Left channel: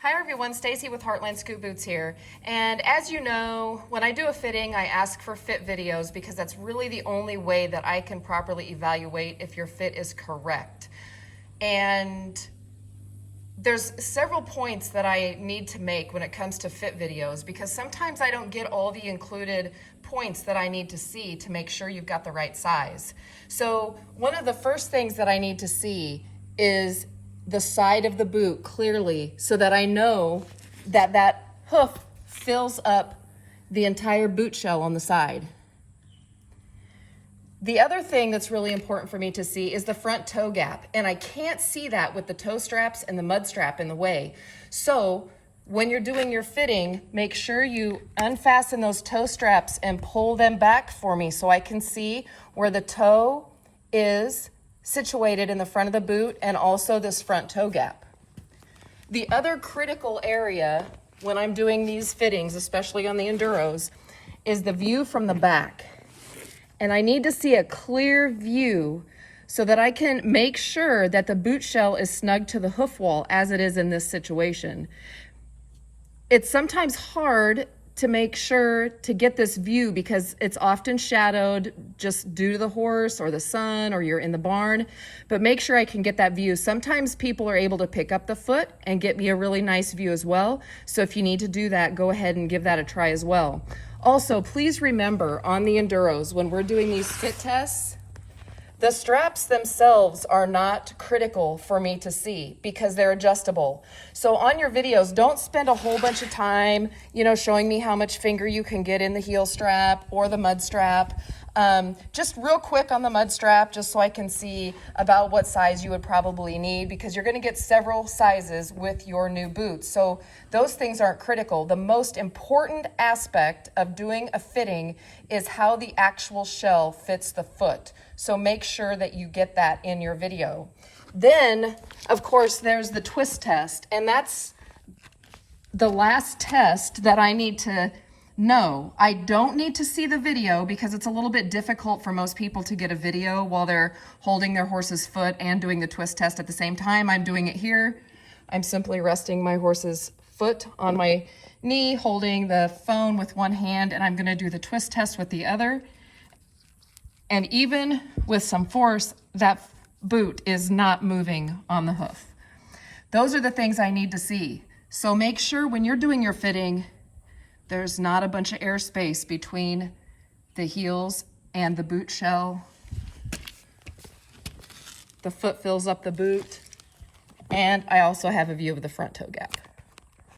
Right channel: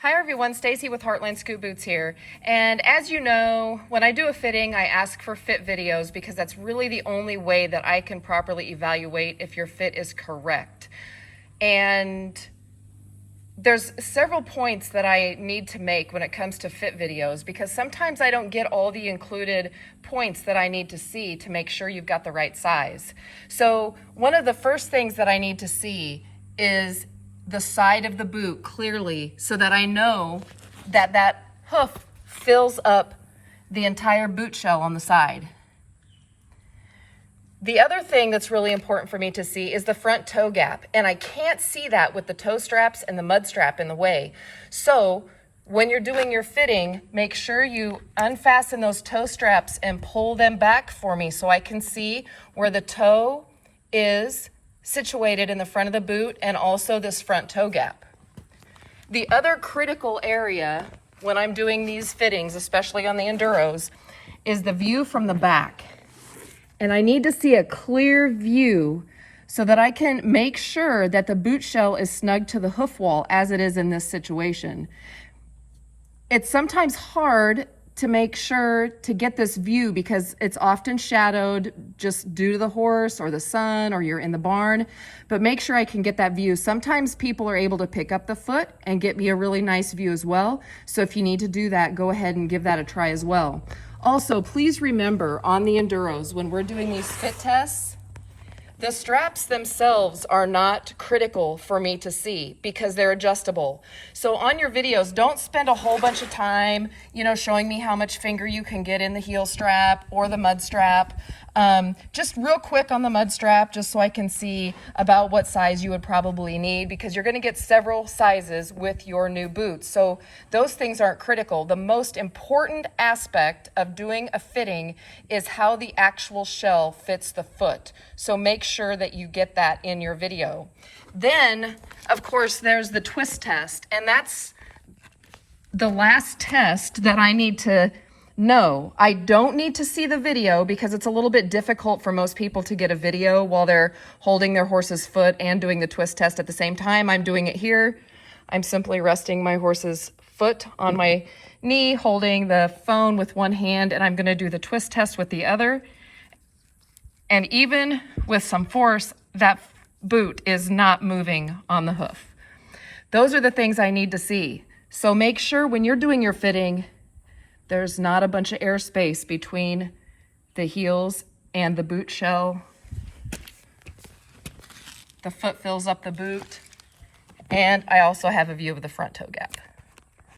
Hi everyone, Stacy with Heartland Scoot Boots here. And as you know, when I do a fitting, I ask for fit videos because that's really the only way that I can properly evaluate if your fit is correct. And there's several points that I need to make when it comes to fit videos because sometimes I don't get all the included points that I need to see to make sure you've got the right size. So one of the first things that I need to see is the side of the boot clearly so that I know that that hoof fills up the entire boot shell on the side. The other thing that's really important for me to see is the front toe gap, and I can't see that with the toe straps and the mud strap in the way. So when you're doing your fitting, make sure you unfasten those toe straps and pull them back for me so I can see where the toe is situated in the front of the boot and also this front toe gap. The other critical area when I'm doing these fittings, especially on the Enduros, is the view from the back. And I need to see a clear view so that I can make sure that the boot shell is snug to the hoof wall as it is in this situation. It's sometimes hard to make sure to get this view because it's often shadowed just due to the horse or the sun or you're in the barn, but make sure I can get that view. Sometimes people are able to pick up the foot and get me a really nice view as well. So if you need to do that, go ahead and give that a try as well. Also, please remember on the Enduros, when we're doing these fit tests, the straps themselves are not critical for me to see because they're adjustable. So on your videos, don't spend a whole bunch of time, showing me how much finger you can get in the heel strap or the mud strap. Just real quick on the mud strap, just so I can see about what size you would probably need because you're gonna get several sizes with your new boots. So those things aren't critical. The most important aspect of doing a fitting is how the actual shell fits the foot. So make sure that you get that in your video. Then, of course, there's the twist test, and that's the last test that I need to know. I don't need to see the video because it's a little bit difficult for most people to get a video while they're holding their horse's foot and doing the twist test at the same time. I'm doing it here. I'm simply resting my horse's foot on my knee, holding the phone with one hand, and I'm gonna do the twist test with the other. And even with some force, that boot is not moving on the hoof. Those are the things I need to see. So make sure when you're doing your fitting, there's not a bunch of airspace between the heels and the boot shell. The foot fills up the boot. And I also have a view of the front toe gap.